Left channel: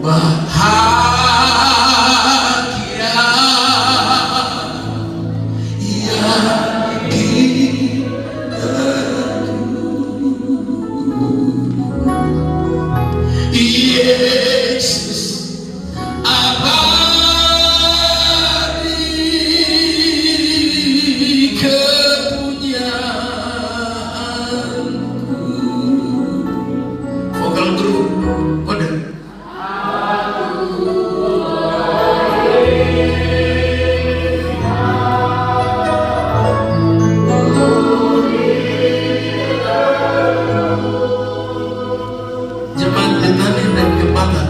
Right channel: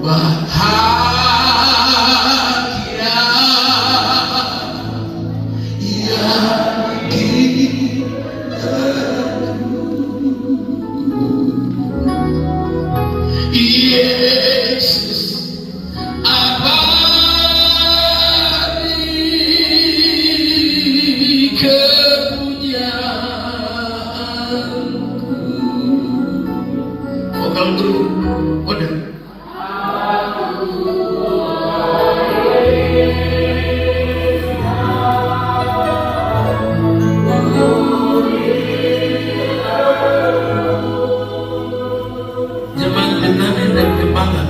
bahagia yang Yesus abadi kepunyaanku. Vokal guru kode. Jemaat litani dan kebanggaan.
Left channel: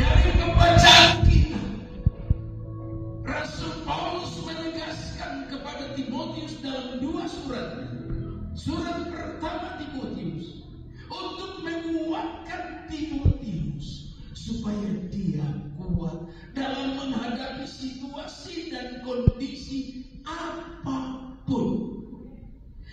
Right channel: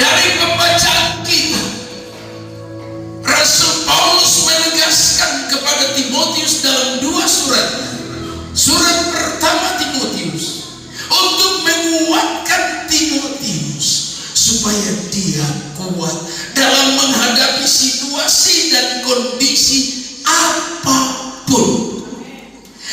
Dari pembacaan kita, Rasul Paulus menegaskan kepada Timotius dalam 2 surat. Surat pertama Timotius untuk menguatkan Timotius supaya dia kuat dalam menghadapi situasi dan kondisi apapun.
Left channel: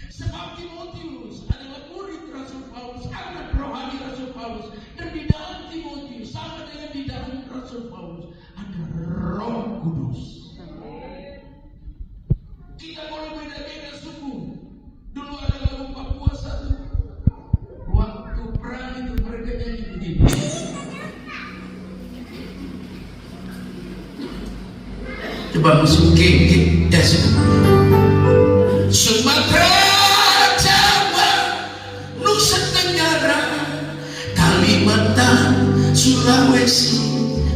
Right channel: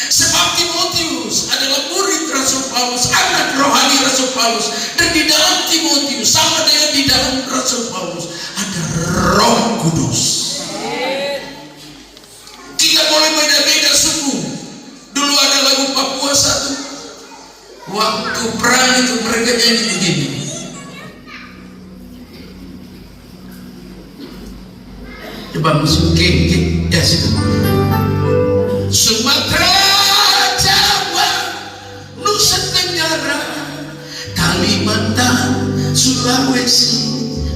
Sebab Timotius adalah murid Rasul Paulus, anak rohani Rasul Paulus, dan di dalam Timotius sama dengan di dalam Rasul Paulus ada Roh Kudus. Kita boleh beda-beda suku. Dulu ada lagu Papua satu, waktu perang itu mereka nyanyi begini. Coba masukin Sumatera, Jawa, Nusa Tenggara, Kalimantan, Sulawesi,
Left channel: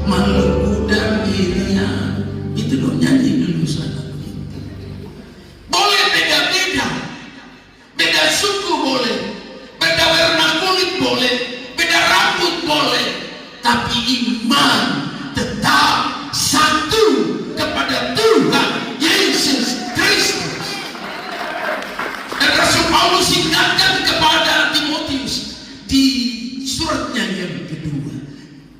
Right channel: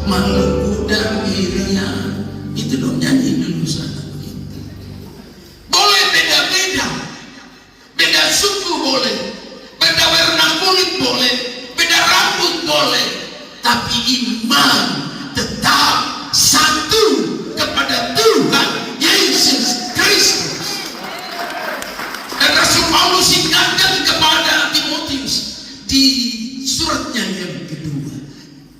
Maluku dan Irian. Itu dong nyanyi dulu sana. Boleh beda-beda, beda suku boleh, beda warna kulit boleh, beda rambut boleh, tapi iman tetap satu kepada Tuhan Yesus Kristus. Dan Rasul Paulus ingatkan kepada Timotius di suratnya yang kedua,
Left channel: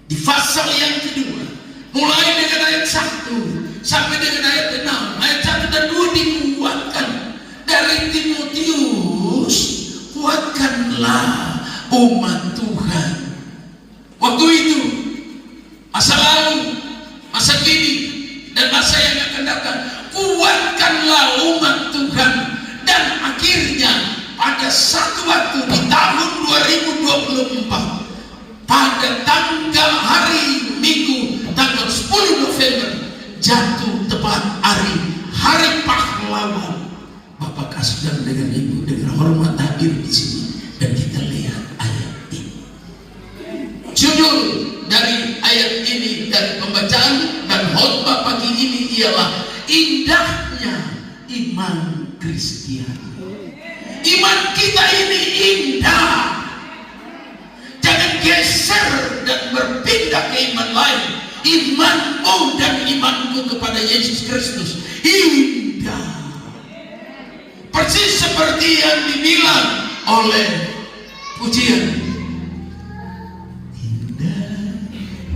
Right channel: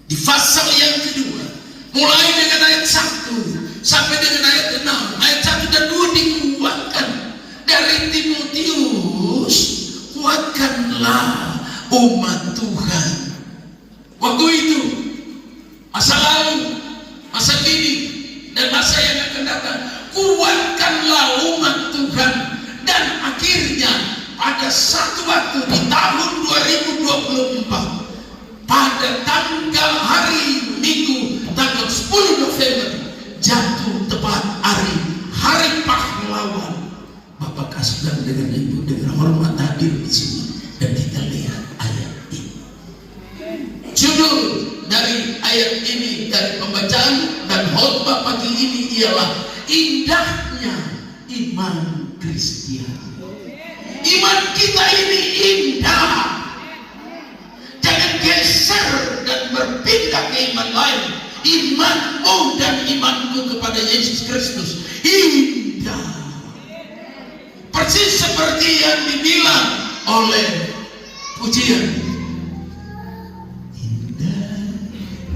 di pasal yang kedua, mulai dengan ayat 1 sampai dengan ayat 6. Ayat 1 dan 2 dikuatkan dari Timotius, kuatkanlah umat Tuhan. Waktu itu, masa lalu, masa kini, dan masa yang akan datang, kuatkanlah umat Tuhan. Dan akhirnya pada satu waktu di tahun 2024, pada tanggal hari Minggu tanggal 10 November jatuh tepat hari pahlawan. Bapak kasih dan dengan ibu dengan hormat hadir di sini, dan kita lihat ayat ini. Judul dari ayat ini dari pembacaan dan khotbah pagi ini ialah indahnya iman Kristiani. Iman kita ini indah. Jangan geser dan berpindah ke iman lain. Imanmu dan imanku kepada Yesus Kristus indah. Persis seperti yang dibilang oleh pujian. Indah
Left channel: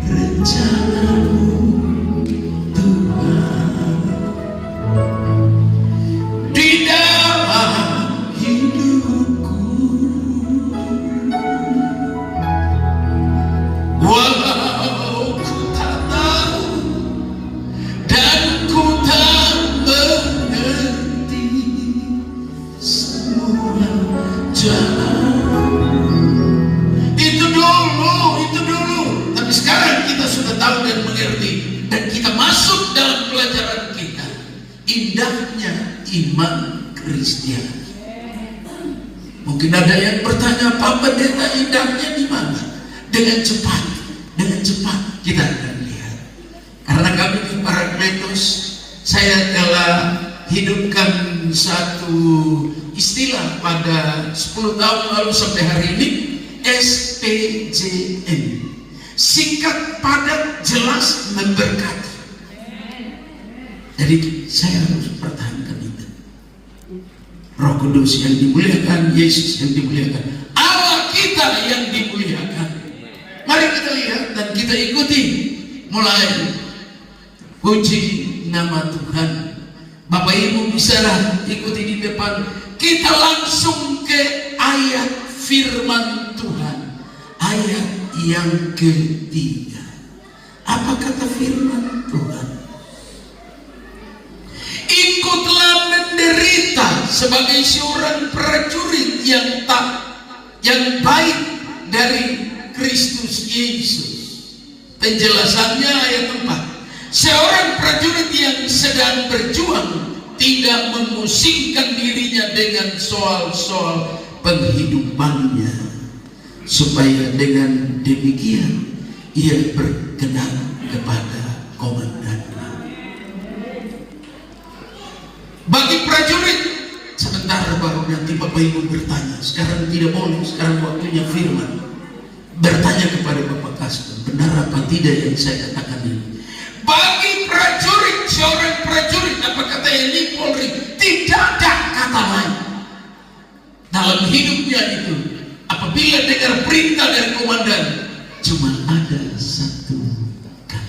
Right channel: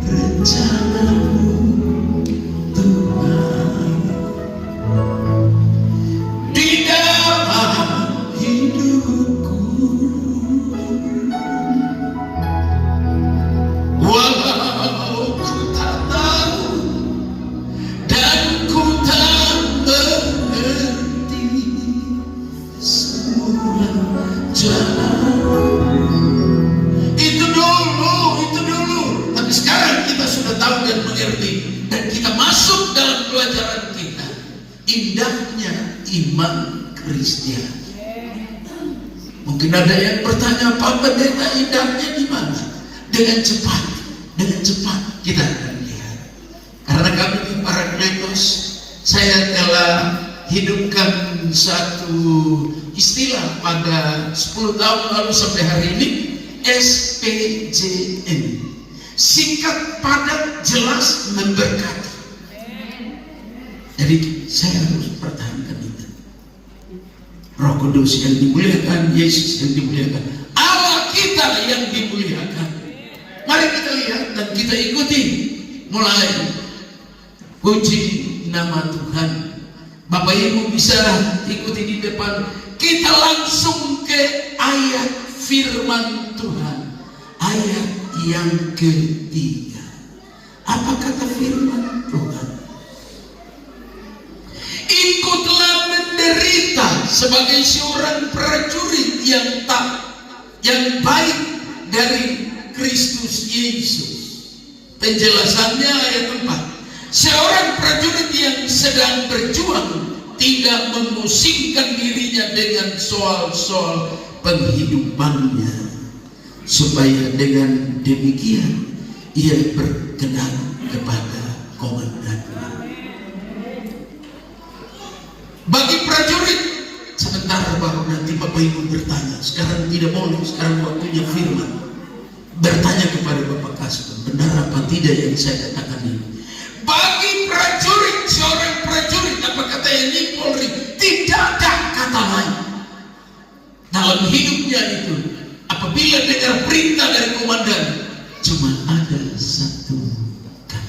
rencanamu Tuhan. Di iman Kristiani. Mungkin ada yang bertanya, Pak Pendeta, indahnya di mana? Dengan cepat kita akan lihat. Karena kami di Parakletos, saya telah hidupkan satu istilah pada 10 tahun lalu sampai hari ini, SPJN. Singkat, padat, jelas, memberkati. Jadi saya harus pertahankan itu. Roh Kudus yang dimuliakan, Yesus yang dimuliakan, Allah kita yang dimuliakan. Mari kita lihat dan kita ikuti. Mulai puji nama Tuhan. Bapak Ibu bisa ikuti di depan. Kita langsung ke ayat firman Tuhan, ayat yang ketiga. Apa kata firman Tuhan? Ikutlah menderita sebagai seorang prajurit yang baik dari Kristus Yesus. Penjelasannya ayat 4. Seorang prajurit yang sedang berjuang tidak memusingkan dirinya dengan soal-soal penghidupannya, supaya dengan demikian ia berkenan kepada komandannya. Bagi prajurit, sebentar baru nanti Bapak Ibu bertanya. Sekarang tidak boleh, sekarang waktunya firman. Bertanya kepada Bapak Kasper, benar apa tidak yang saya katakan ini? Bagi prajurit, seorang prajurit, apa kata yang Polri, tidak ada kata lain dalam hidupnya itu. Apabila dengar perintah dari komandan, cuma ada satu kata,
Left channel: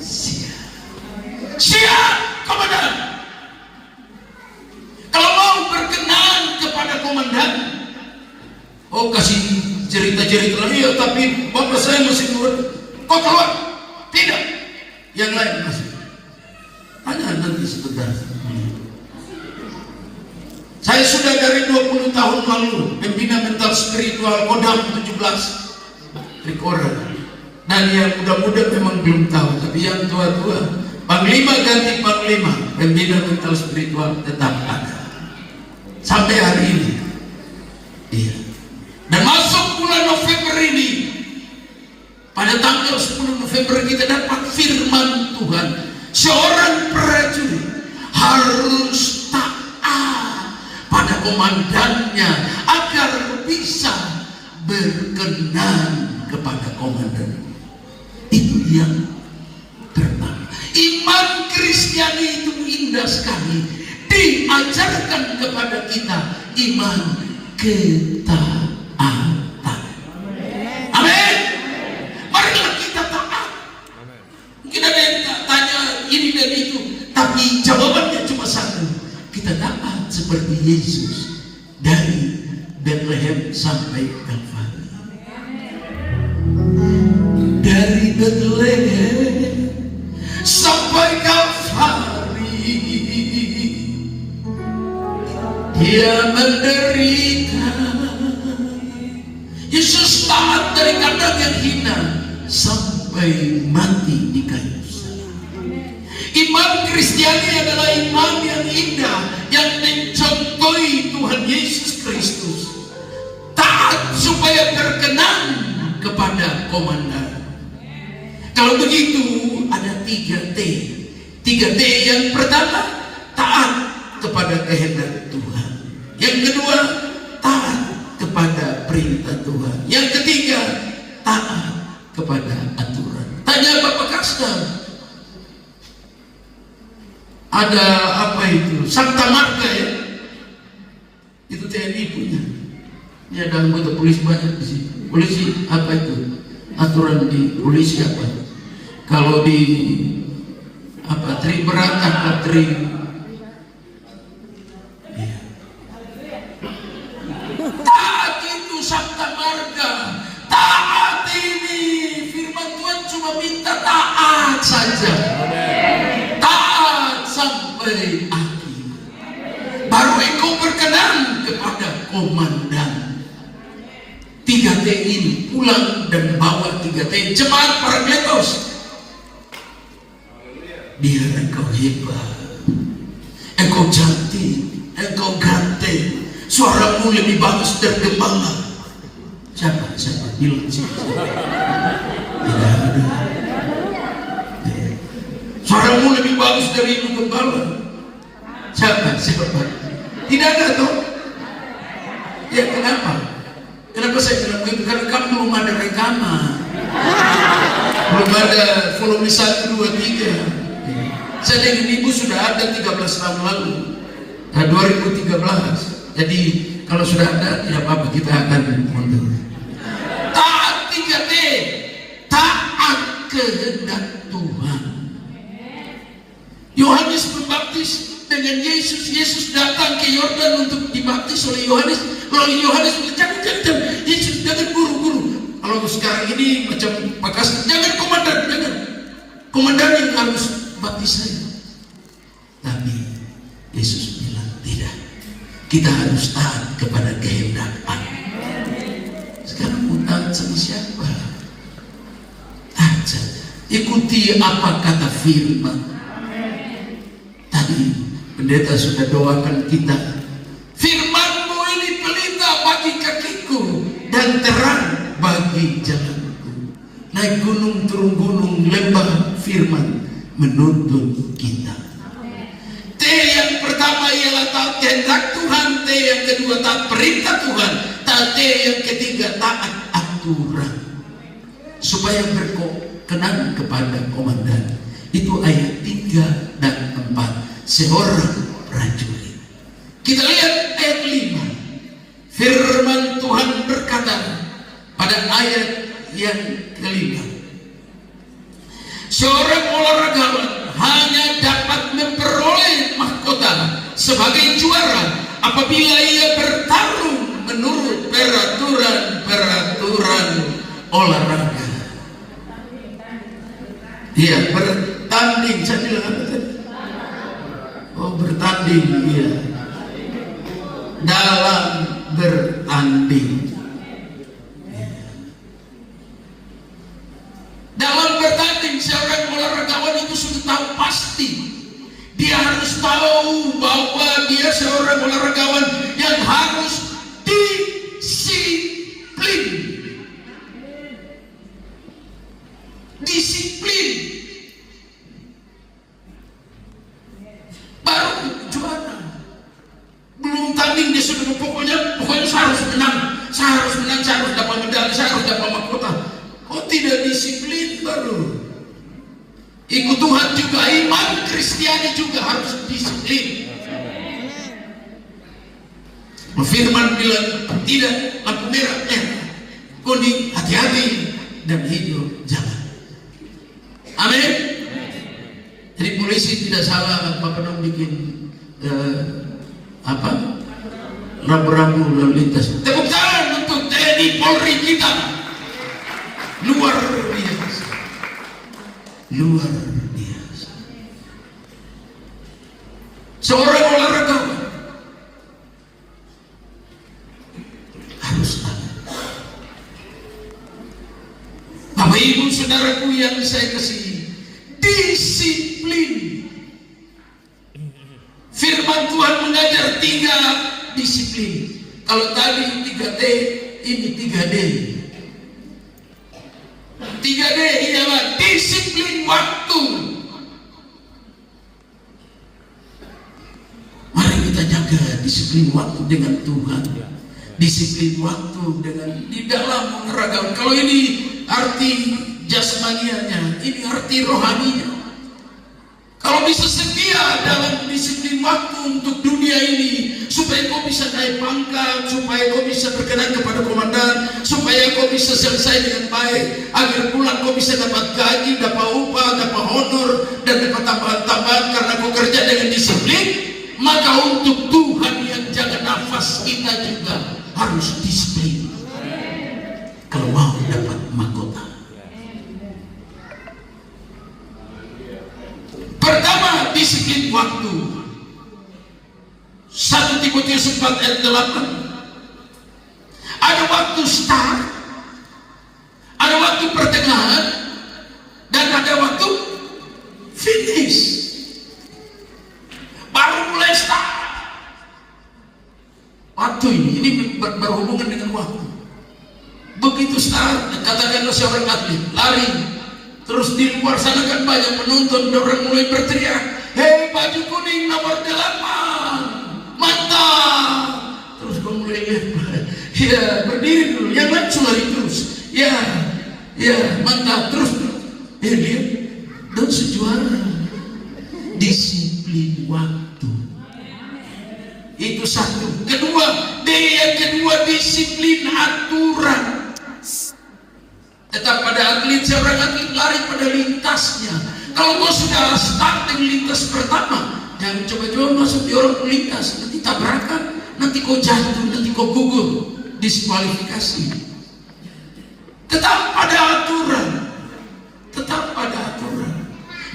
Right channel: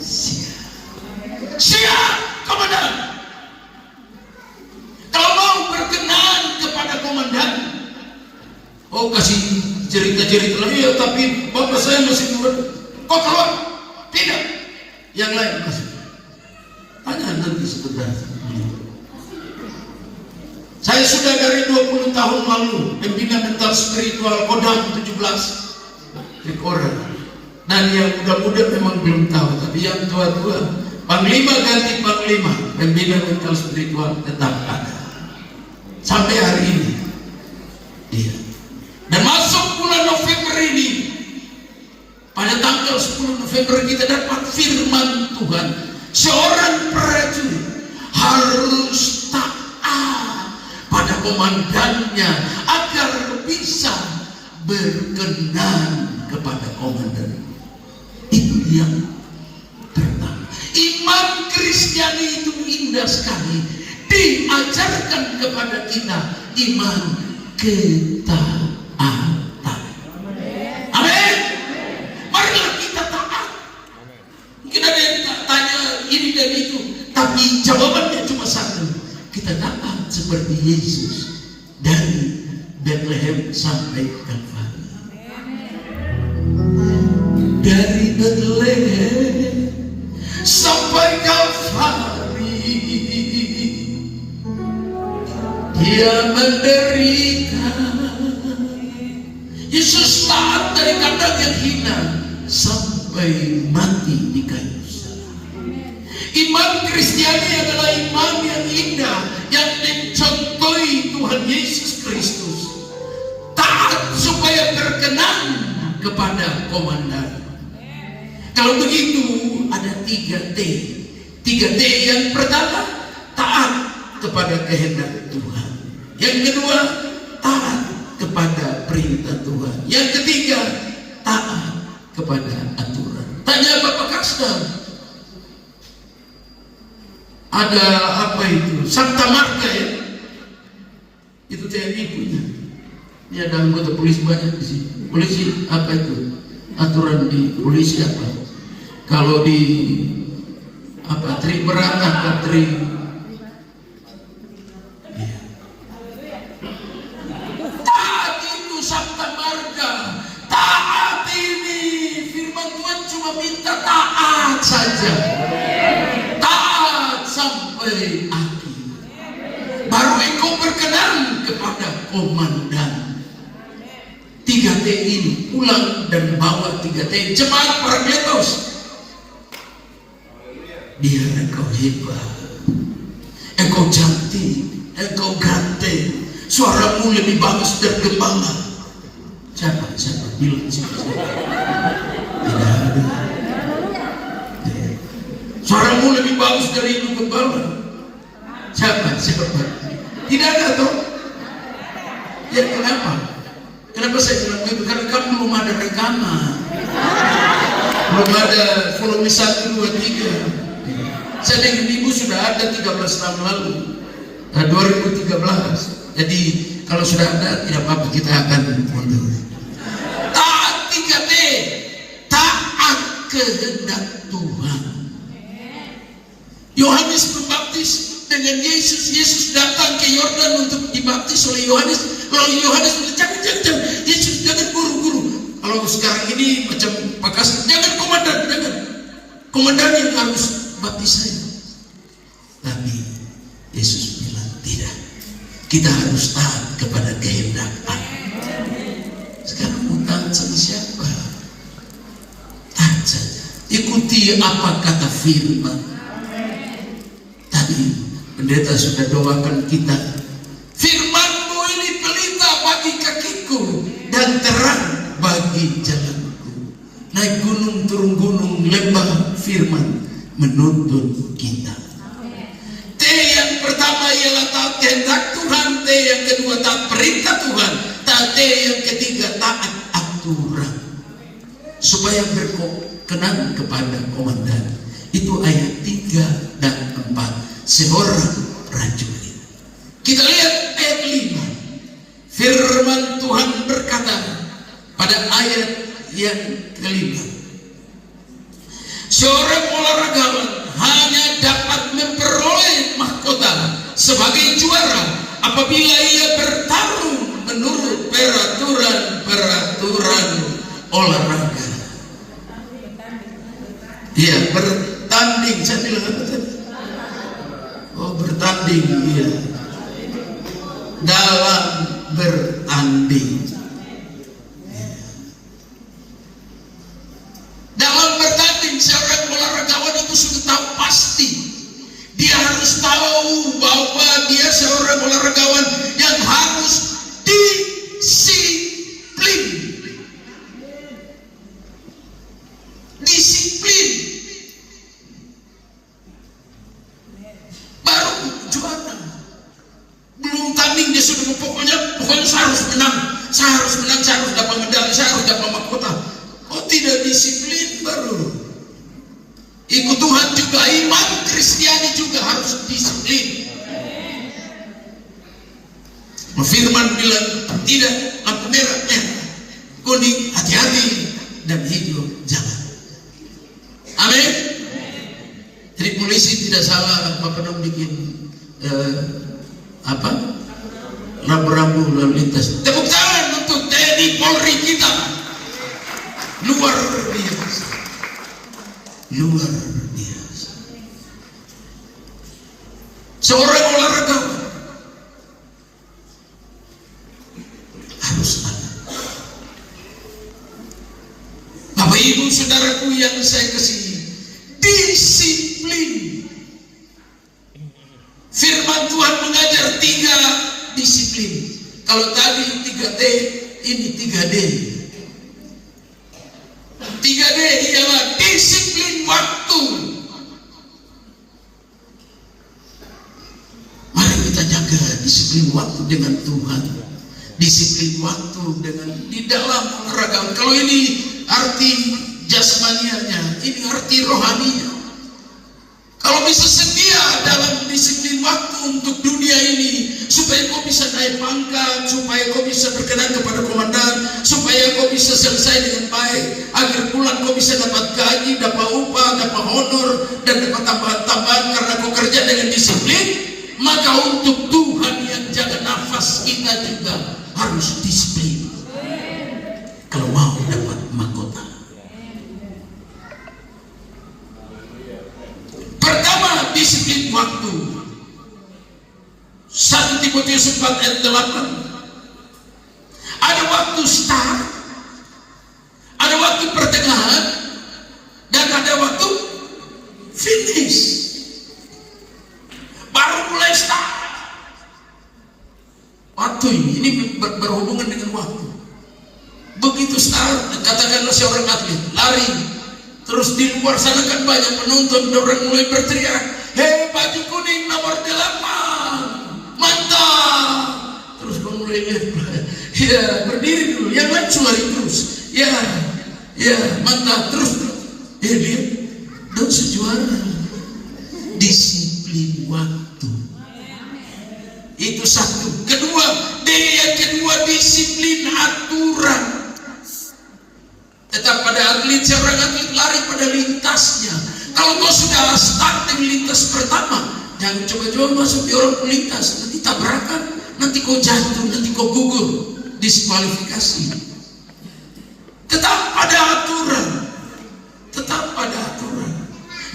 siap. Siap, komandan. Kalau mau berkenan kepada komandan, oh kasih cerita-cerita lagi, ya, tapi bapak saya masih keluar. Kau keluar? Tidak. Yang lain masih. Tanya nanti sebentar. Saya sudah dari 20 tahun lalu membina mental spiritual Kodam 17 orang. Dan yang muda-muda memang belum tahu, tapi yang tua-tua, panglima ganti panglima, pembina mental spiritual tetap ada sampai hari ini. Iya. Dan masuk bulan November ini, pada tanggal 10 November kita dapat firman Tuhan. Seorang prajurit harus taat pada komandannya agar bisa berkenan kepada komandan. Itu yang pertama. Iman Kristiani itu indah sekali. Diajarkan kepada kita iman ketaatan. Amin. Marilah kita taat. Mungkin ada yang tanya ini dan itu, tapi jawabannya cuma satu. Kita taat seperti Yesus dari Bethlehem sampai Kalvari. Dari Bethlehem sampai Kalvari, Dia menderita. Yesus taat dari kandang yang hina sampai mati di kayu salib. Iman Kristiani adalah iman yang indah, yang mencontohi Tuhan Yesus Kristus. Taat supaya berkenan kepada komandan. Kalau begitu ada 3T. 3T yang pertama, taat kepada kehendak Tuhan. Yang kedua, taat kepada perintah Tuhan. Yang ketiga, taat kepada aturan. Tanya Bapak Kasper, ada apa itu? Santa Marga ya? Itu TNI punya. Ini ada anggota polisi banyak di sini. Polisi apa itu? Aturan di polisi apa? Kalau di apa? Tri berangkat atau tri? Ya. Taat itu Santa Marga. Taat ini firman Tuhan cuma minta taat saja. Taat sampai akhir. Baru engkau berkenan kepada komandan. 3T ini, pulang dan bawa 3T. Jemaat Parakletos, biar engkau hebat, Engkau cantik, engkau ganteng, suaramu lebih bagus dari gembala. Siapa bilang siapa? Tidak ada. Suaramu lebih bagus dari ibu gembala. Siapa? Tidak ada toh? Ya kenapa? Kenapa saya bilang begitu? Karena kamu belum ada rekaman, belum ada volume 1, 2, 3. Saya dengan ibu sudah ada 13 tahun lalu, 2013. Jadi kalau sudah ada, tidak apa-apa, kita akan mundur. Taat 3D, taat kehendak Tuhan. Yohanes Pembaptis dengan Yesus datang ke Yordan untuk dibaptis oleh Yohanes. Lalu Yohanes jangan, Yesus jangan buru-buru. Kalau sekarang ini macam Pakastan, jangan komandan yang harus baptis saya. Tapi Yesus bilang tidak, kita harus taat kepada kehendak Allah. Sekarang mau taat sama siapa? Taat saja, ikuti apa kata firman. Tadi pendeta sudah doakan kita, firman-Mu ini pelita bagi kakiku dan terang bagi jalanku. Naik gunung, turun gunung, lembah, firman menuntun kita. T yang pertama ialah taat kehendak Tuhan, T yang kedua taat perintah Tuhan, T yang ketiga taat aturan supaya berkenan kepada komandan. Itu ayat 3 dan 4 seorang prajurit. Kita lihat ayat 5. Firman Tuhan berkata pada ayat yang kelima, seorang olahragawan hanya dapat memperoleh mahkota sebagai juara apabila ia bertarung menurut peraturan olahraga. Ya, bertanding. Saya bilang apa tadi? Oh, bertanding. Ya. Dalam bertanding. Dalam bertanding, seorang olahragawan itu sudah tahu pasti. Dia harus tahu bahwa dia seorang olahragawan yang harus disiplin. Disiplin. Baru juara. Belum tanding dia sudah pokoknya saya harus menang, saya harus dapat medali, saya harus dapat mahkota. Oh, tidak disiplin baru. Ikut Tuhan juga, iman Kristiani juga harus disiplin. Firman bilang tidak, lampu merah, kuning, hati-hati, dan hijau jalan. Amin. Jadi polisi tidak salah Bapak bikin rambu-rambu lalu lintas. Tepuk tangan untuk TNI Polri kita. Luar biasa. Luar biasa. Seorang olahragawan harus ada. Bapak Ibu saudaraku yang saya kasih, disiplin. Firman Tuhan mengajar 3 disiplin. Kalau tadi 3D, ini 3D. 3D ialah disiplin waktu. Mari kita jaga disiplin waktu dengan Tuhan. Disiplin waktu dengan di dalam ragam. Kalau ini arti jasmanianya, ini arti rohaninya. Kalau bisa setia dalam disiplin waktu untuk dunia ini, supaya kau bisa naik pangkat, supaya kau bisa berkenan kepada komandan, supaya kau bisa selesai dengan baik, agar pulang kau bisa dapat gaji, dapat upah, dapat honor, dan dapat tambahan-tambahan karena kau kerja dengan disiplin. Maka untuk Tuhan yang jaga nafas kita juga harus disiplin. Kalau mau dapat mahkota. Pertama, disiplin waktu. 1 Timotius 4 ayat 8. Ada waktu start, ada waktu pertengahan, dan ada waktu finish. Baru mulai start. Waktu ini berhubungan dengan waktu. Begitu start, katakanlah seorang atlet lari, terus di luar sana kan banyak penonton, orang mulai berteriak, hei baju kuning nomor 8, mantap. Terus kau mulai lihat, ya berdiri dulu, yang lain lari terus, ya mantap terus, dia dan sejuara. Disiplin waktu itu satu. Kedua, yang kedua disiplin aturan. Tetap pada atlet, seorang atlet lari pada lintasnya. Kalau kau sudah start di lintas pertama, jangan coba-coba masuk di orang pelintas, nanti tabrakan, nanti kau jatuh, nanti kau gugur, diskualifikasi. Tetap pada aturan, tetap pada aturan.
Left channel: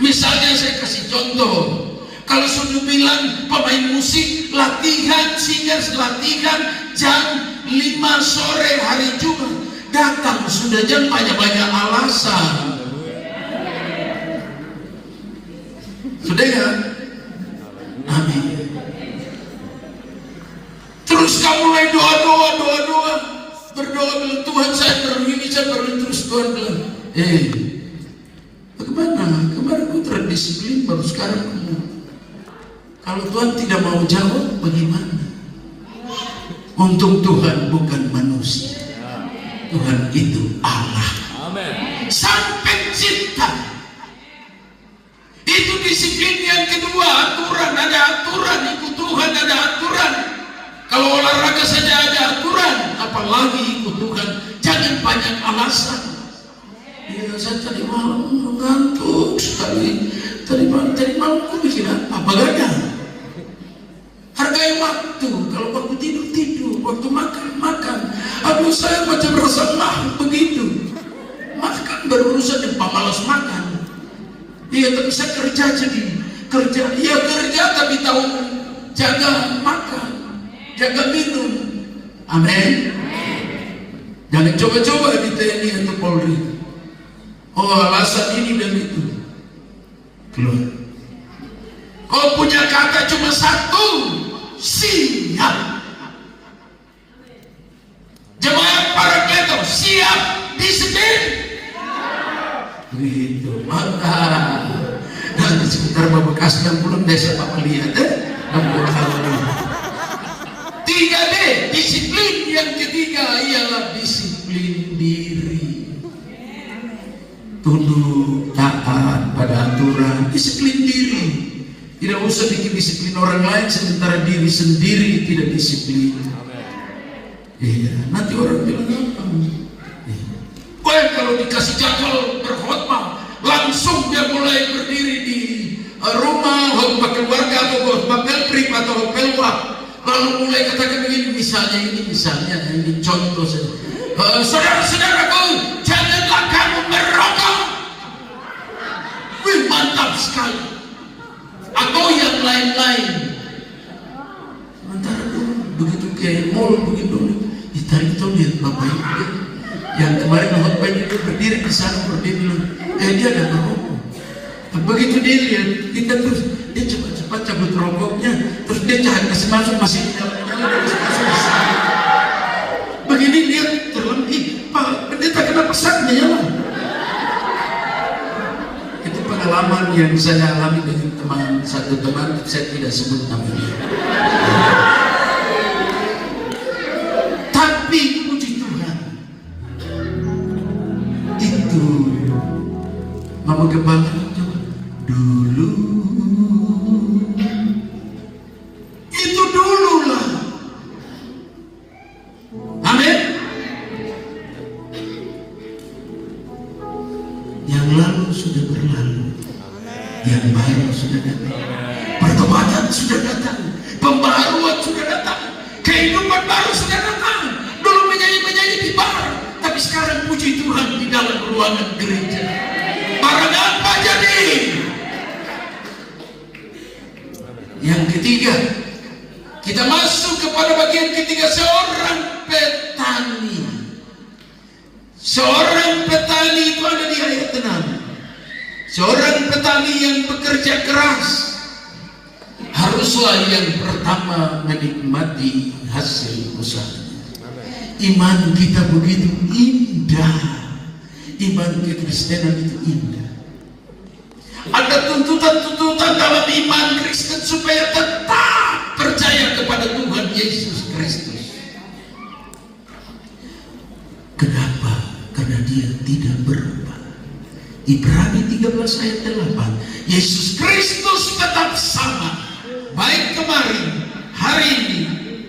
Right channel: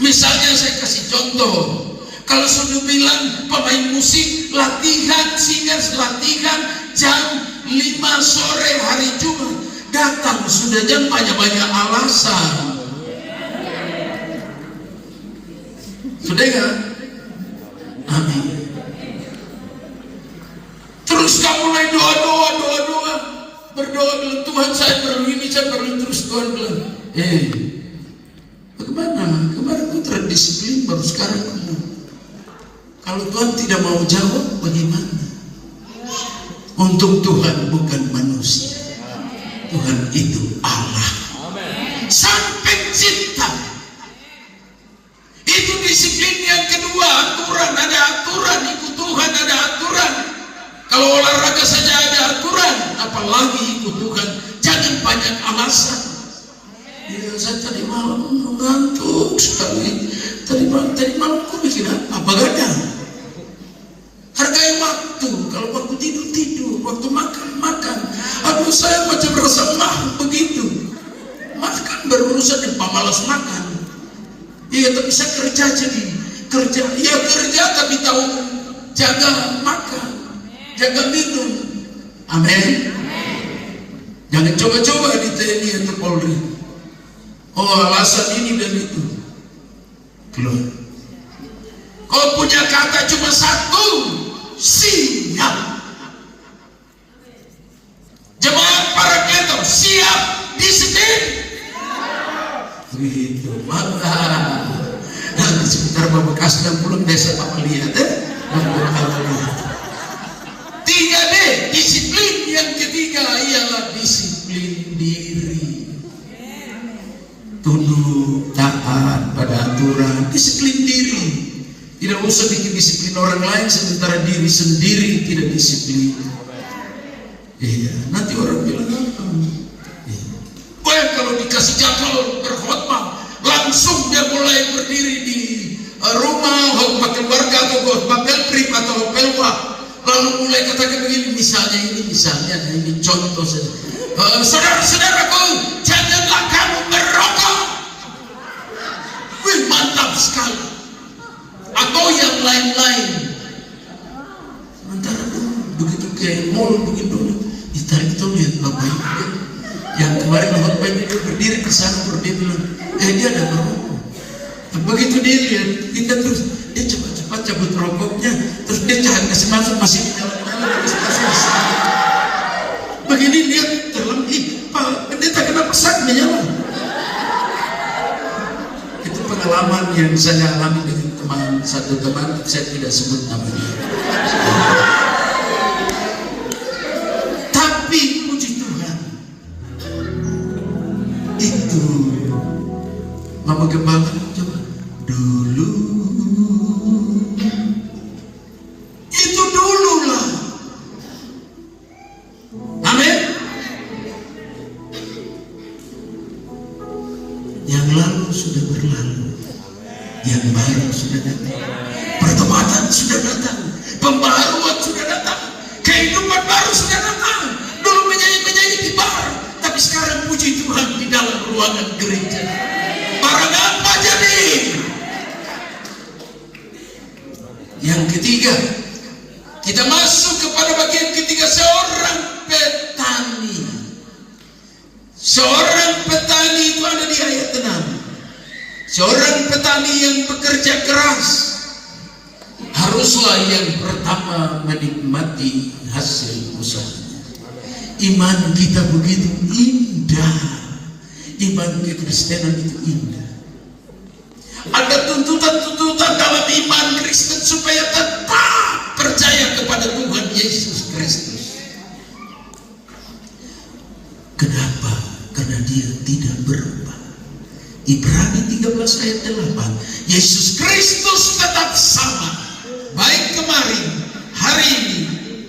Misalnya saya kasih contoh, kalau sudah bilang pemain musik latihan, singers latihan jam 5 sore hari Jumat, datang sudah jam banyak-banyak alasan. Sudah ya? Amin. Terus kamu mulai doa, berdoa dengan Tuhan, saya perlu terus doa. Bagaimana? Kemarin aku terdisiplin, baru sekarang kamu. Kalau Tuhan tidak mau jawab, bagaimana? Untuk Tuhan bukan manusia. Tuhan itu Allah. Sang Pencipta. Itu disiplin yang kedua, aturan. Ada aturan, ikut Tuhan ada aturan. Kalau olahraga saja ada aturan, apalagi ikut Tuhan. Jangan banyak alasan. Ya, saya tadi malam ngantuk sekali. Tadi malam aku mikir apa gak? Hargai waktu. Kalau waktu tidur, waktu makan. Aduh, saya macam rasa begitu. Makan berurusan dengan pemalas makan. Iya, tapi saya kerja tapi tahu jaga makan, jaga minum. Amin. Jangan coba-coba di TNI atau Polri. Oh, alasan ini dan itu. Belum. Kau punya kata cuma satu, siap. Jemaat para ketor, siap disiplin. Begitu, mantap. Nanti sebentar Bapak kasihkan pulang besok Bapak lihat, Tiga D, disiplin. Yang ketiga ialah disiplin diri. Tunduk, taat pada aturan, disiplin diri. Tidak usah bikin disiplin orang lain sementara diri sendiri tidak disiplin. Iya, nanti orang bilang apa? Kalau dikasih jadwal berkhotbah, langsung dia mulai berdiri di rumah, khotbah keluarga atau khotbah trip atau khotbah, lalu mulai katakan begini, misalnya ini contoh saja. Saudara-saudaraku, janganlah kamu merokok. Wih, mantap sekali. Atau yang lain-lain. Sementara itu begitu ke mall begitu, ditarik lihat bapak itu yang kemarin khotbah itu berdiri di sana dia ada merokok. Begitu dia lihat kita terus, dia cepat-cepat cabut rokoknya, terus dia cari kasih masuk begini dia terlebih, Pak Pendeta kenapa saknya nyala? Itu pengalaman yang saya alami dengan satu teman, saya tidak sebut namanya. Tapi puji Tuhan, itu Mama Gembala itu dulu lah. Amin. Yang lalu sudah berlalu, yang baru sudah datang, pertobatan sudah datang, pembaharuan sudah datang, kehidupan baru sudah datang. Dulu menyanyi di bar, tapi sekarang puji Tuhan di dalam ruangan gereja. Barang apa jadi? Yang ketiga, kita masuk kepada bagian ketiga, seorang petani. Seorang petani itu ada di ayat 6. Seorang petani yang bekerja keras haruslah yang pertama menikmati hasil usaha. Iman kita begitu indah, iman kekristenan itu indah. Ada tuntutan-tuntutan dalam iman Kristen supaya tetap percaya kepada Tuhan Yesus Kristus. Kenapa? Karena dia tidak berubah. Ibrani 13 ayat 8. Yesus Kristus tetap sama, baik kemarin, hari ini,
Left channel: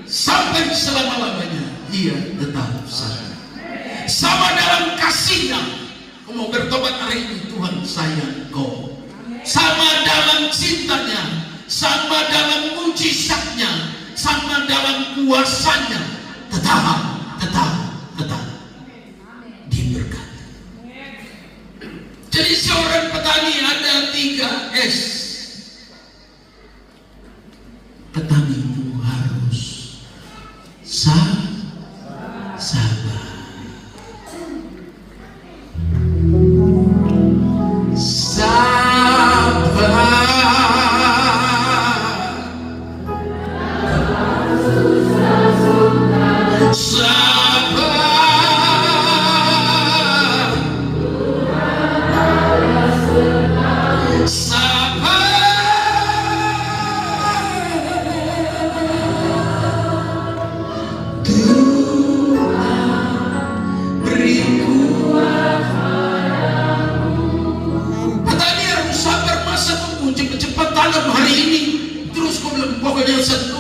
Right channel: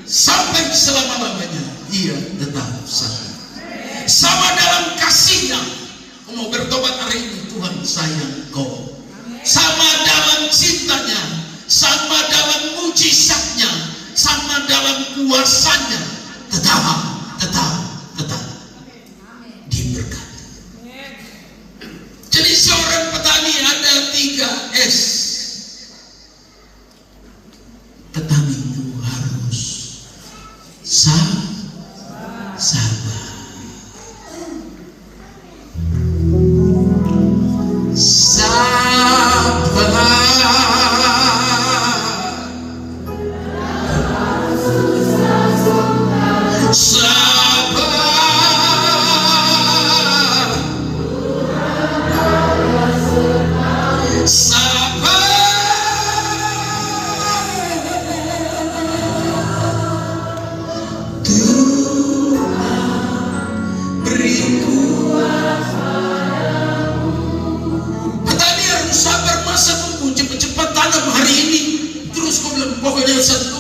sampai selama-lamanya. Ia tetap sama. Sama dalam kasihnya. Kau mau bertobat hari ini, Tuhan sayang kau. Sama dalam cintanya, sama dalam mujizatnya, sama dalam kuasanya. Tetap diberkati. Jadi seorang petani ada 3 S. Petani itu harus sabar.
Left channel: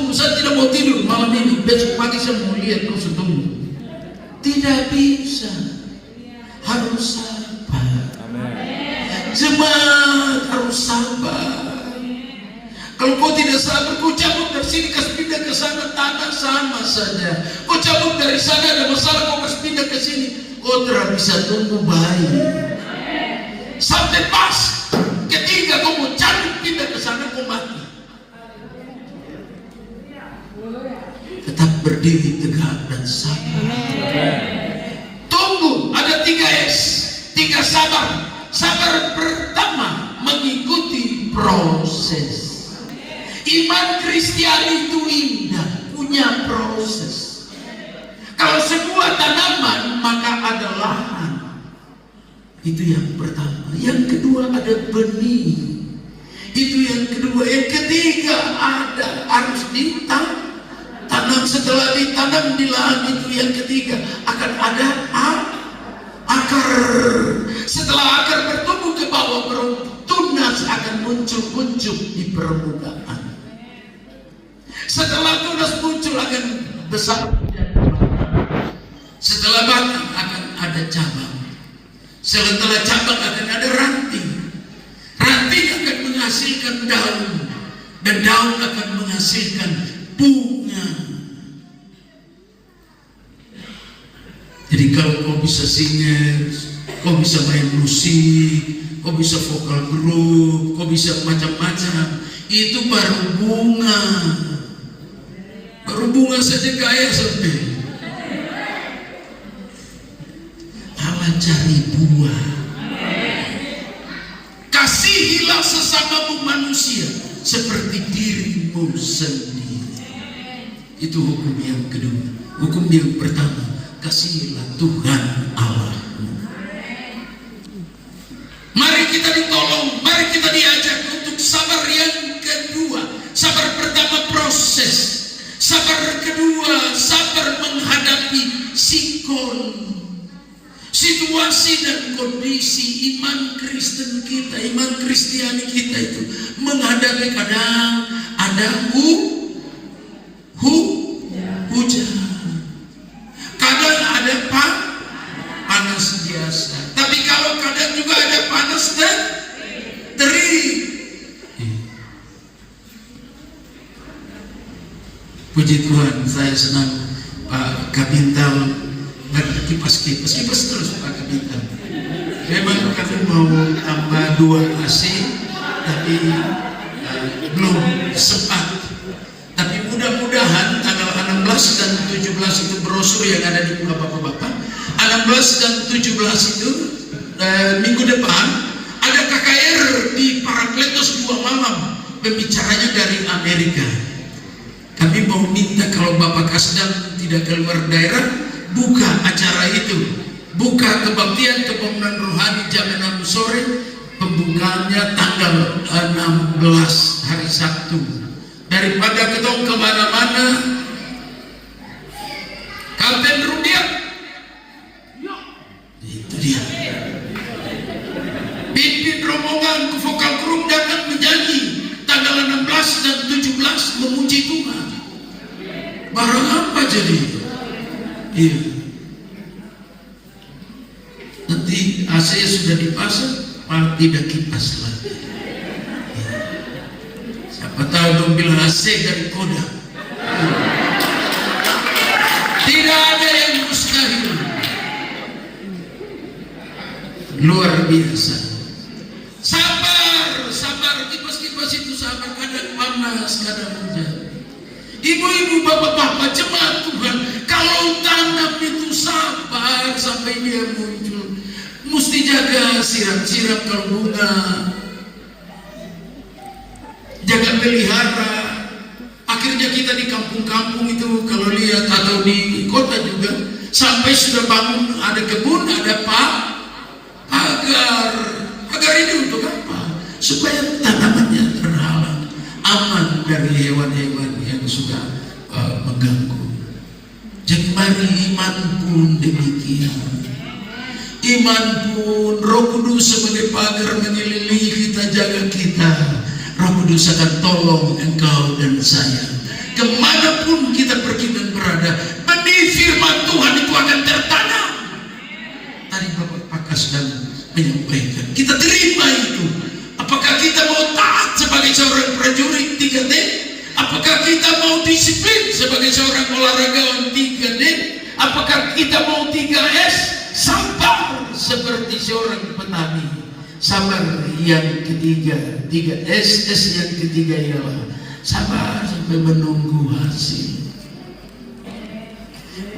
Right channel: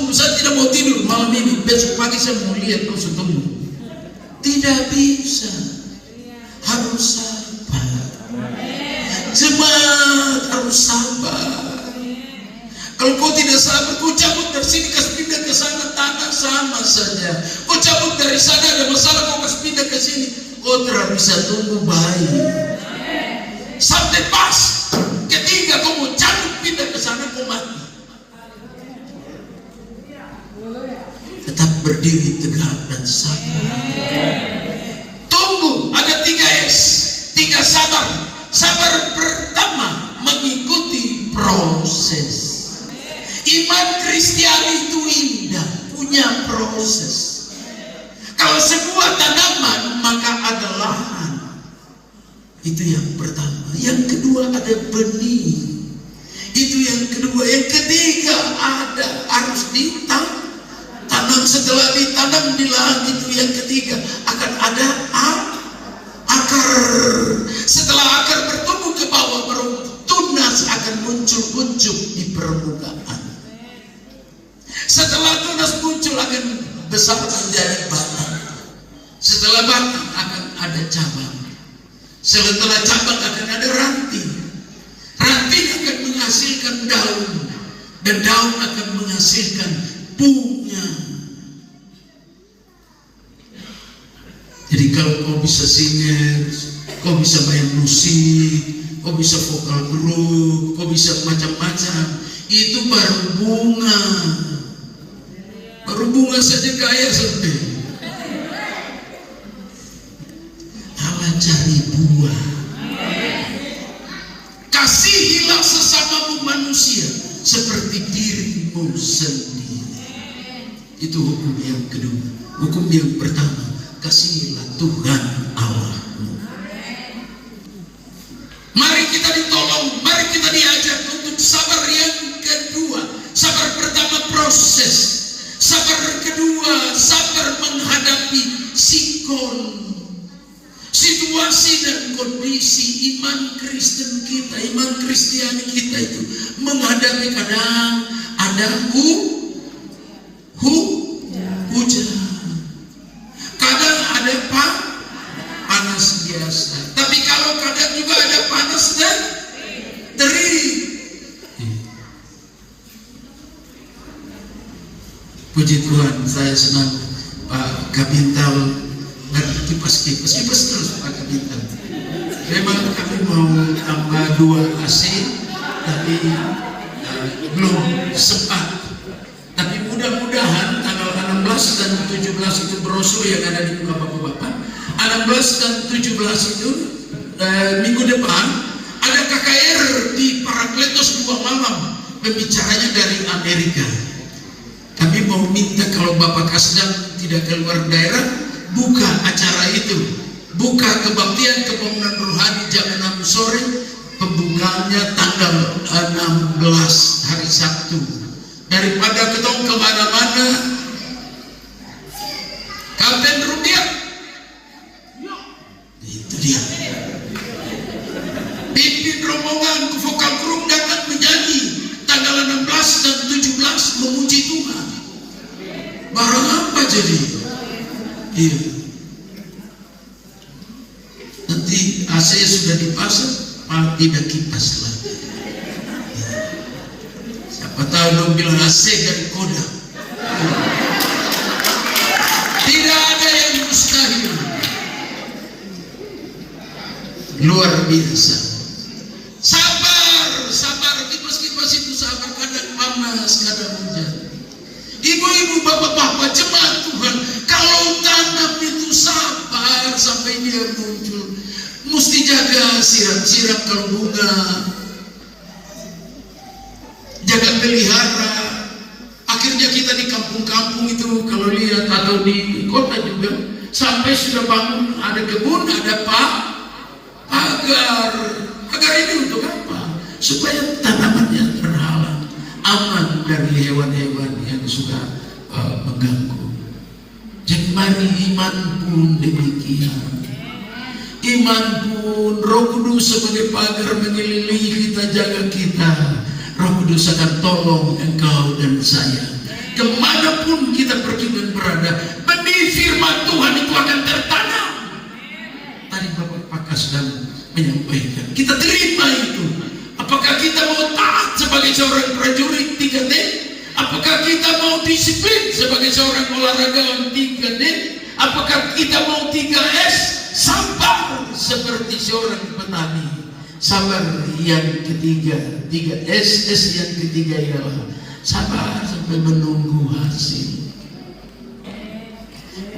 Saya tidak mau tidur malam ini, besok pagi saya mau lihat kau tumbuh. Tidak bisa, harus sabar. Jemaat harus sabar. Kalau kau tidak sabar, kau cabut dari sini, kasih pindah ke sana, tanah sama saja. Kau cabut dari sana, ada masalah, kau kasih pindah ke sini, kau tidak bisa tumbuh baik. Sampai pas ketika kau mau cabut pindah ke sana, kau mati. Tetap berdiri tegak dan sabar. Tunggu, ada 3 S, 3 sabar. Sabar pertama mengikuti proses. Iman Kristiani itu indah, punya proses. Kalau sebuah tanaman maka ada lahan. Itu yang pertama. Yang kedua ada benih. Itu yang kedua. Yang ketiga ada harus ditanam. Setelah ditanam di lahan itu yang ketiga akan ada akar. Setelah akar bertumbuh ke bawah, baru tunas akan muncul di permukaan. Setelah tunas muncul akan besar menjadi batang. Setelah batang akan ada cabang. Setelah cabang akan ada ranting. Ranting akan menghasilkan daun, dan daun akan menghasilkan bunga. Jadi kalau kau bisa singers, kau bisa main musik, kau bisa vokal grup, kau bisa macam-macam, itu baru bunga. Baru bunga saja kaya sampai. Allah cari buah. Kasihilah sesamamu manusia seperti dirimu sendiri. Itu hukum yang kedua. Hukum yang pertama, kasihilah Tuhan Allahmu. Mari kita ditolong, mari kita diajak untuk sabar yang kedua. Sabar pertama proses, sabar kedua sabar menghadapi situasi dan kondisi. Iman Kristen kita, iman Kristiani kita itu menghadapi kadang ada hujan. Kadang ada panas biasa. Tapi kalau kadang juga ada panas dan terik. Puji Tuhan, saya senang Pak Kabintal kipas terus Pak Kabintal. Memang kami mau tambah 2 AC, tapi belum sempat. Tapi mudah-mudahan tanggal 16 dan 17 itu brosur yang ada di Bapak-Bapak. 16 dan 17 itu minggu depan ada KKR di Parakletos 2 malam. pembicaranya dari Amerika. Kami mau minta kalau Bapak Kasdam tidak keluar daerah, buka acara itu, buka kebaktian kepemimpinan rohani jam 6 sore, pembukaannya tanggal 16 hari Sabtu. Daripada ketong kemana-mana, Kapten Rudiat, itu dia. Pimpin rombongan ke vokal grup datang menyanyi tanggal 16 dan 17 memuji Tuhan. Barang apa jadi? Iya. Nanti AC sudah dipasang, malah tidak kipas lagi. Ya. Siapa tahu dong bilang AC dari Kodak. Tidak ada yang mustahil. Luar biasa. Sabar, sabar. Kipas-kipas itu sabar. Kadang panas, kadang hujan. Ibu-ibu, bapak-bapak, jemaat Tuhan, kalau tanam itu sabar sampai dia muncul. Mesti jaga siram-siram kalau bunga. Jaga pelihara. Akhirnya kita di kampung-kampung itu kalau lihat, atau di kota juga, sampai sudah bangun ada kebun, ada agar ini untuk apa? Supaya tanamannya berhalang, aman dari hewan-hewan yang suka mengganggu. Jadi mari iman pun demikian. Iman pun Roh Kudus sebagai pagar menyelimuti kita, jaga kita. Roh Kudus akan tolong engkau dan saya. Kemanapun kita pergi dan berada, benih firman Tuhan itu akan tertanam. Tadi Bapak Kasdam menyampaikan, kita terima itu. Apakah kita mau taat sebagai seorang prajurit 3D? Apakah kita mau disiplin sebagai seorang olahragawan 3D? Apakah kita mau 3S? Sabar seperti seorang petani. Sabar yang ketiga, 3S. S yang ketiga ialah sabar sampai menunggu hasil.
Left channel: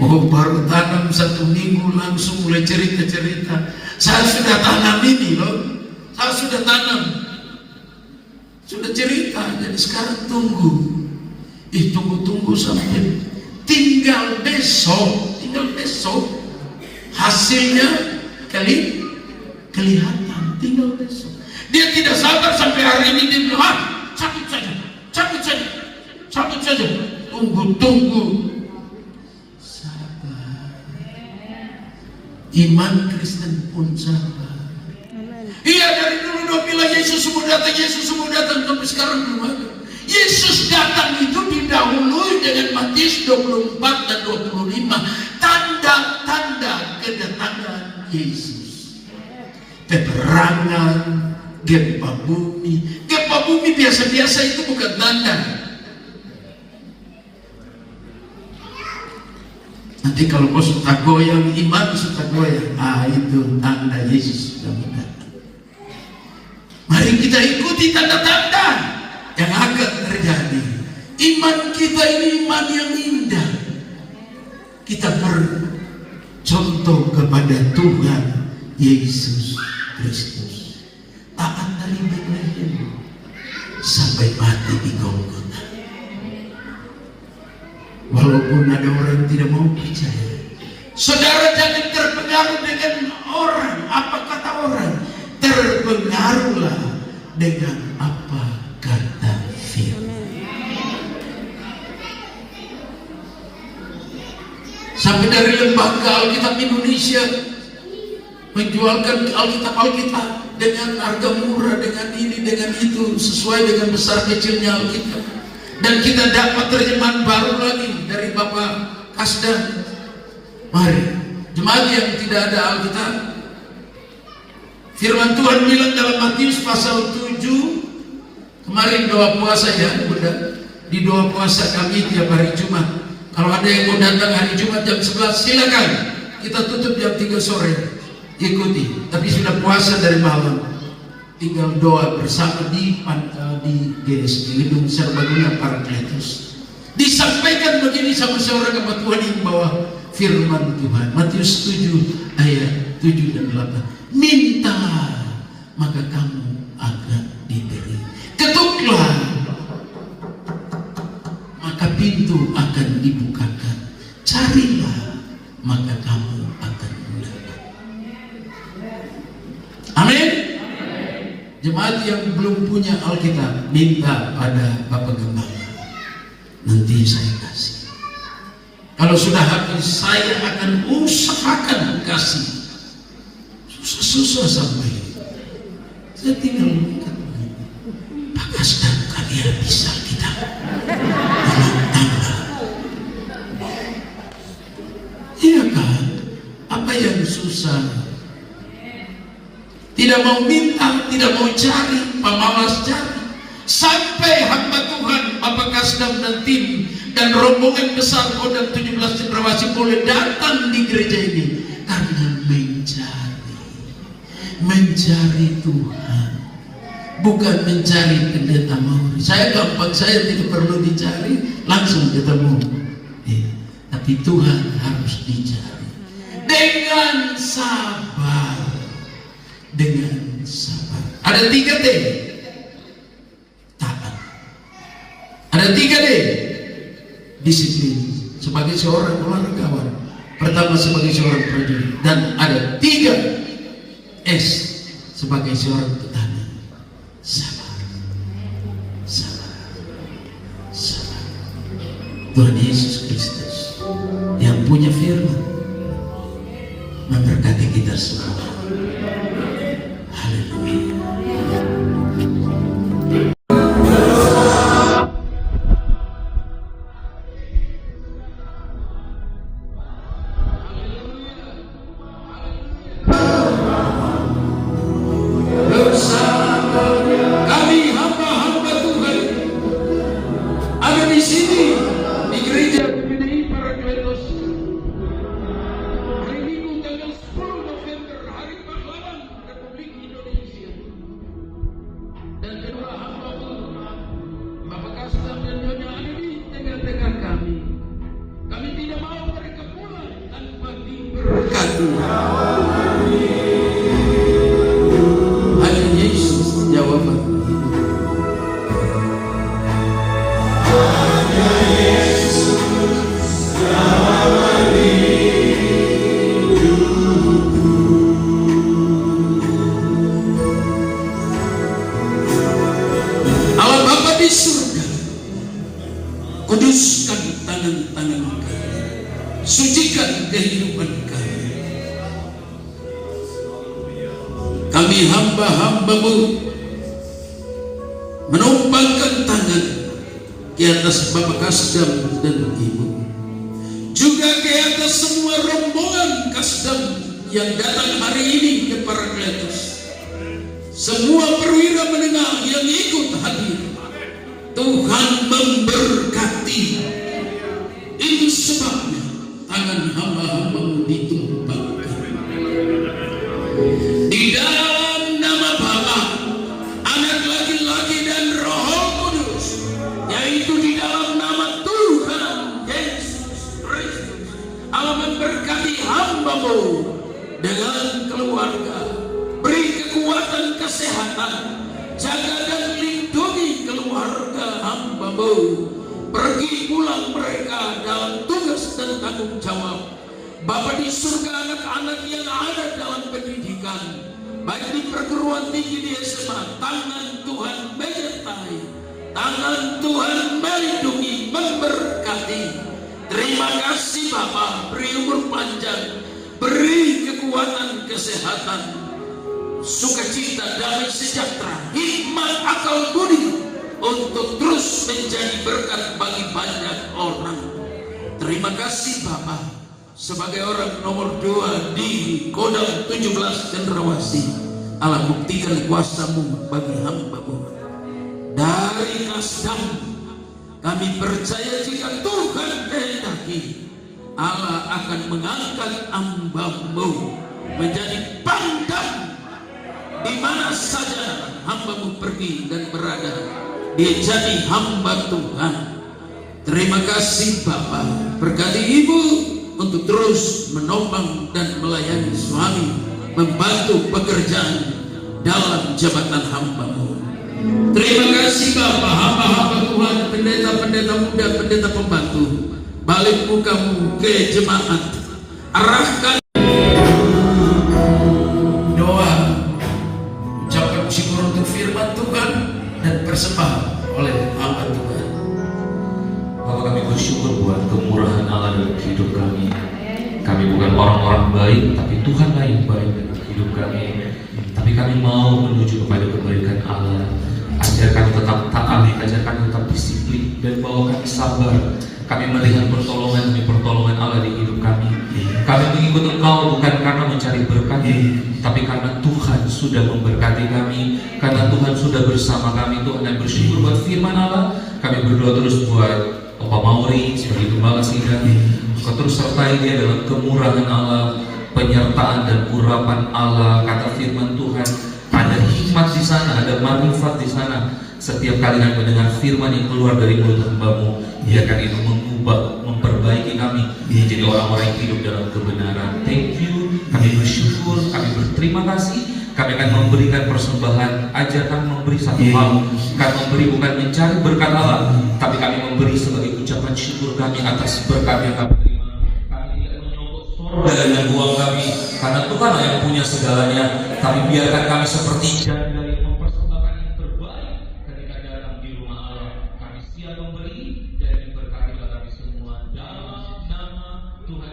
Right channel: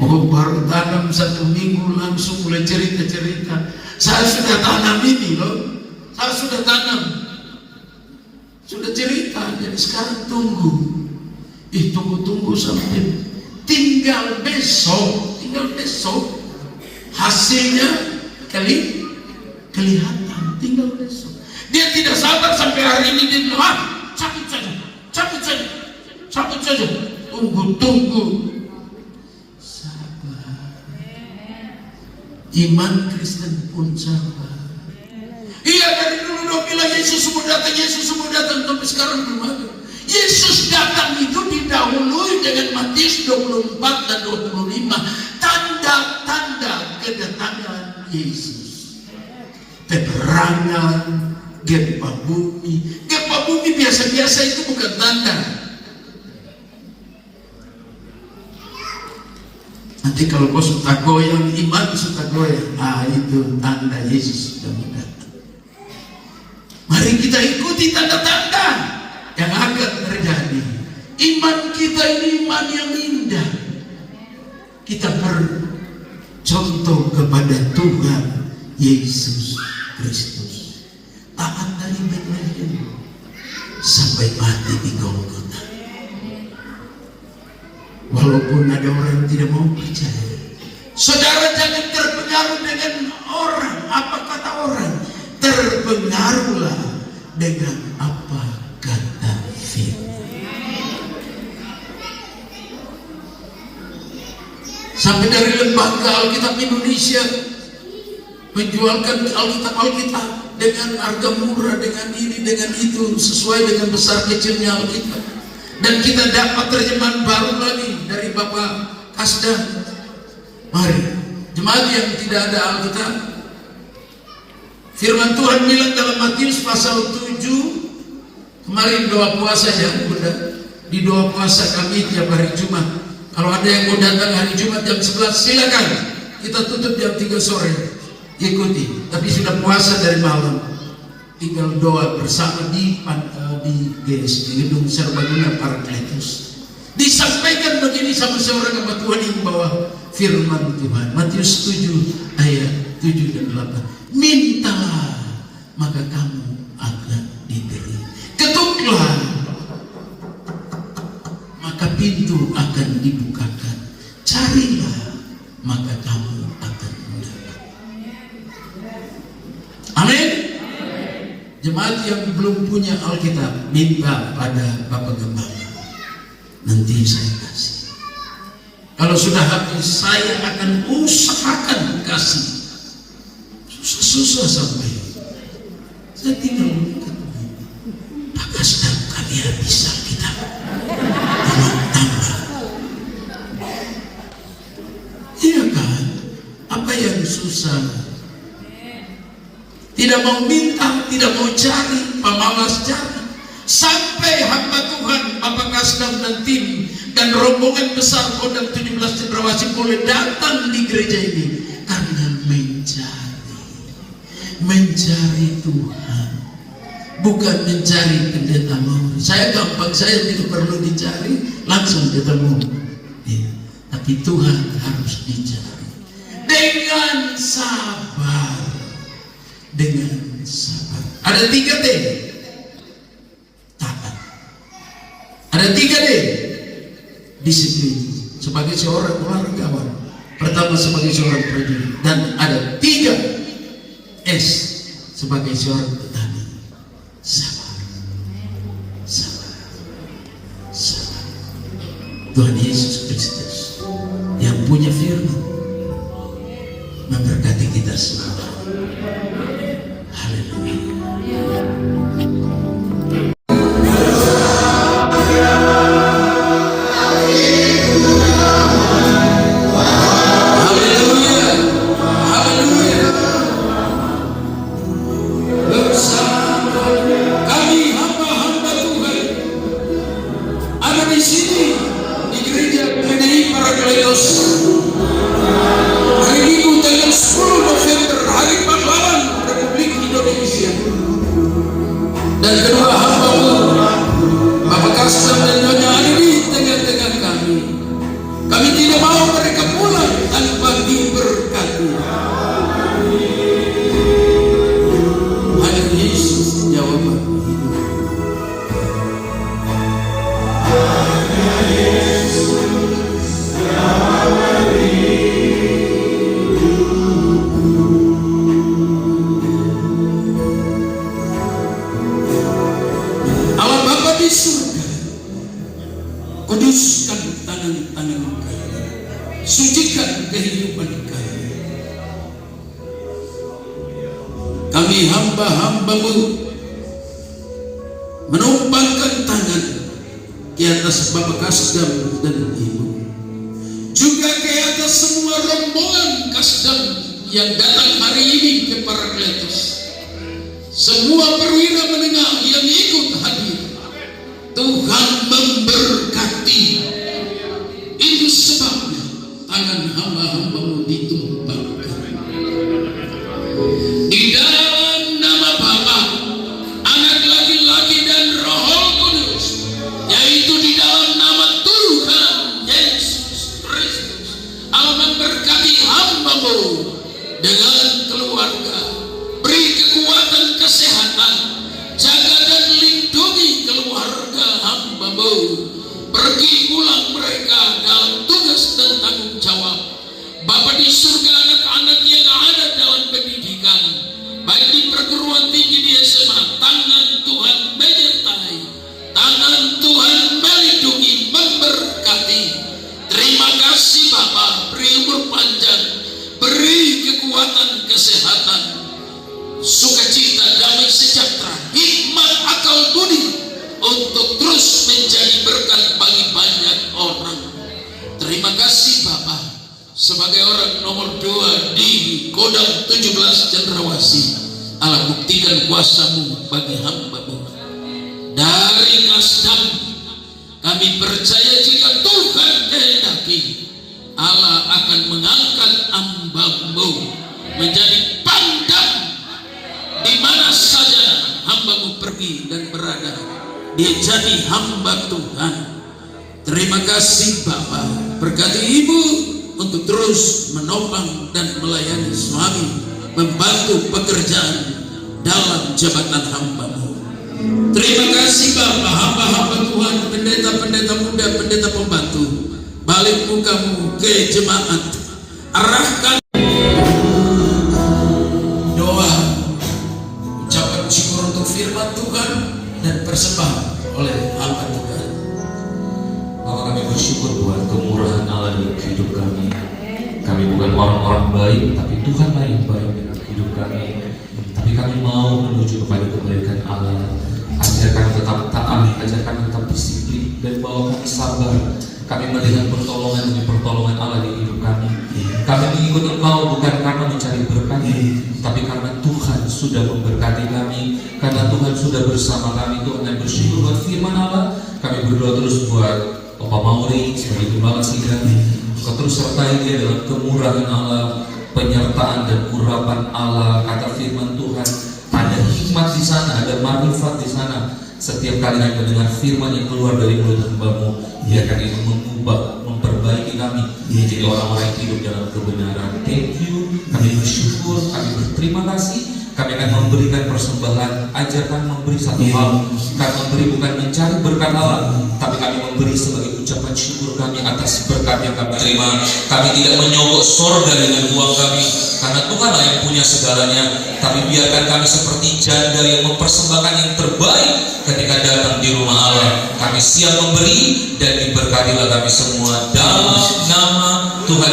Oh, baru tanam 1 minggu langsung mulai cerita-cerita. Saya sudah tanam ini loh. Saya sudah tanam. Sudah cerita. Jadi sekarang tunggu. Tunggu sampai tinggal besok. Hasilnya kelihatan. Tinggal besok. Dia tidak sabar sampai hari ini. Dia bilang, cabut saja. Tunggu. Iman Kristen pun sabar. Iya, dari dulu doa bilang Yesus semua datang sampai sekarang belum ada. Yesus datang itu didahului dengan Matius 24 dan 25, tanda-tanda kedatangan Yesus. Peperangan, gempa bumi. Gempa bumi biasa-biasa itu bukan tanda. Nanti kalau kau suka goyang, iman suka goyang, itu tanda Yesus sudah datang. Mari kita ikuti tanda-tanda yang akan terjadi. Iman kita ini iman yang indah. Kita bercontoh kepada Tuhan Yesus Kristus. Taat dari Betlehem sampai mati di Golgota. Walaupun ada orang yang tidak mau percaya, saudara jangan terpengaruh dengan orang. Apa kata orang? Terpengaruhlah dengan apa kata firman. Sampai dari lembaga Alkitab Indonesia menjualkan Alkitab dengan harga murah, dengan ini, dengan itu, sesuai dengan besar kecilnya Alkitab. Dan kita dapat terjemahan baru lagi dari Bapak Kasdam. Mari, jemaat yang tidak ada Alkitab, firman Tuhan bilang dalam Matius pasal 7, kemarin doa puasa ya, Bunda. Di doa puasa kami tiap hari Jumat. Kalau ada yang mau datang hari Jumat jam 11, silakan. Kita tutup jam 3 sore. Ikuti. Tapi sudah puasa dari malam. Tinggal doa bersama di GSD, Gedung Serbaguna Paracletus. Disampaikan begini sama seorang hamba Tuhan yang membawa firman Tuhan. Matius 7 ayat 7 dan 8. Mintalah maka kamu akan diberi. Ketuklah pintu akan dibukakan. Carilah, maka kamu akan mendapat. Amin. Jemaat yang belum punya Alkitab, minta pada Bapak Gembala, nanti saya kasih. Kalau sudah habis, saya akan usahakan kasih. Susah sampai. Saya tinggal mengikat. Pak Kasdam, kalian bisa kita dengan tanggal. Iya kan? Apa yang susah? Tidak mau minta, tidak mau cari, pemalas cari. Sampai hamba Tuhan, Bapak Kasdam dan tim dan rombongan besar Kodam 17 Cendrawasih boleh datang di gereja ini karena mencari Tuhan, bukan mencari pendeta Mauri. Saya gampang, saya tidak perlu dicari, langsung ketemu. Ya, tapi Tuhan harus dicari dengan sabar. Dengan sabar. Ada 3 D. Taat. Ada 3 D. Disiplin. Sebagai seorang olahragawan. Pertama sebagai seorang prajurit. Dan ada 3 S. Sebagai seorang petani. Sabar. Sabar. Sabar. Tuhan Yesus Kristus yang punya firman memberkati kita semua. Kuduskan tangan-tangan kami, sucikan kehidupan kami. Kami hamba-hambamu menumpangkan tangan di atas Bapak Kasdam dan Ibu, juga di atas semua rombongan Kasdam yang datang hari ini ke Parakletos, semua perwira menengah yang ikut hadir. Tuhan memberkati. Itu sebabnya tangan hamba-hambamu ditumpangkan di dalam nama Bapa, Anak laki-laki dan Roh Kudus, yaitu di dalam nama Tuhan Yesus Kristus. Allah memberkati hambamu dengan keluarga, beri kekuatan kesehatan, jaga dan lindungi keluarga hambamu, pergi pulang mereka dalam tugas dan tanggung jawab. Bapa di surga, anak-anak yang ada dalam pendidikan, baik di perguruan tinggi, di SMA, tangan Tuhan menyertai, tangan Tuhan melindungi, memberkati. Terima kasih Bapa, beri umur panjang, beri kekuatan kesehatan, sukacita, damai sejahtera, hikmat, akal budi untuk terus menjadi berkat bagi banyak orang. Terima kasih Bapa, sebagai orang nomor 2 di Kodam 17 Cendrawasih, Allah buktikan kuasa-Mu bagi hamba-Mu. Dari Kasdam kami percaya jika Tuhan kehendaki, Allah akan mengangkat hamba-Mu menjadi pangdam di mana saja hamba-Mu pergi dan berada. Dia jadi hamba Tuhan. Terima kasih Bapa, berkati Ibu untuk terus menopang dan melayani suami, membantu pekerjaan dalam jabatan hamba-Mu. Terima kasih Bapak, hamba-hamba Tuhan, pendeta-pendeta muda, pendeta pembantu. Balik mukamu ke jemaat, arahkan doa, ucapan syukur untuk firman Tuhan dan persembahan oleh hamba Tuhan. Bapak, kami bersyukur buat kemurahan Allah dalam hidup kami. Kami bukan orang-orang baik, tapi Tuhanlah yang baik dalam hidup kami. Tapi kami mau menuju kepada kebaikan Allah. Ajarkan tetap taat, ajarkan tetap disiplin, dan bawa kami sabar. Kami melihat pertolongan demi pertolongan Allah di hidup kami. Kami mengikut Engkau bukan karena mencari berkat, tapi karena Tuhan sudah memberkati kami, karena Tuhan sudah bersama kami. Tuhan yang bersyukur buat firman Allah. Kami berdoa terus buat Bapak Mauri sebagai gembala sidang. Kau terus sertai dia dalam kemurahan Allah, penyertaan dan urapan Allah. Kata firman Tuhan, ada hikmat di sana, ada manfaat di sana. Setiap kali kami mendengar firman yang keluar dari mulut hamba-Mu, biarkan itu mengubah, memperbaiki kami menjadi orang-orang yang hidup dalam kebenaran. Thank you, kami bersyukur, kami berterima kasih. Kami akan memberikan persembahan. Ajarkan memberi satu hal, bukan memberi bukan mencari berkat Allah, tapi kami memberi sebagai ucapan syukur kami atas berkat yang kami terima. Kami tidak menyogok sorga dengan uang kami, karena Tuhanlah yang punya segalanya. Tapi biarkan kami seperti janda yang mempersembahkan yang terbaik ketika datang di rumah Allah. Kami siap memberi, dan diberkatilah kami semua dalam nama Tuhan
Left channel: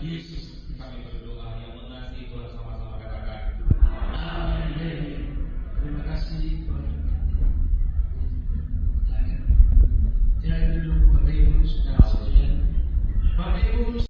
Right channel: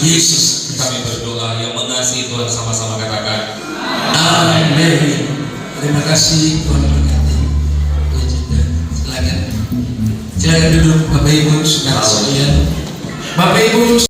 Yesus. Kami berdoa, yang mengasihi Tuhan sama-sama katakan Amin. Terima kasih, Tuhan berkati. Silakan. Silakan duduk Bapak Ibu saudara sekalian. Bapak Ibu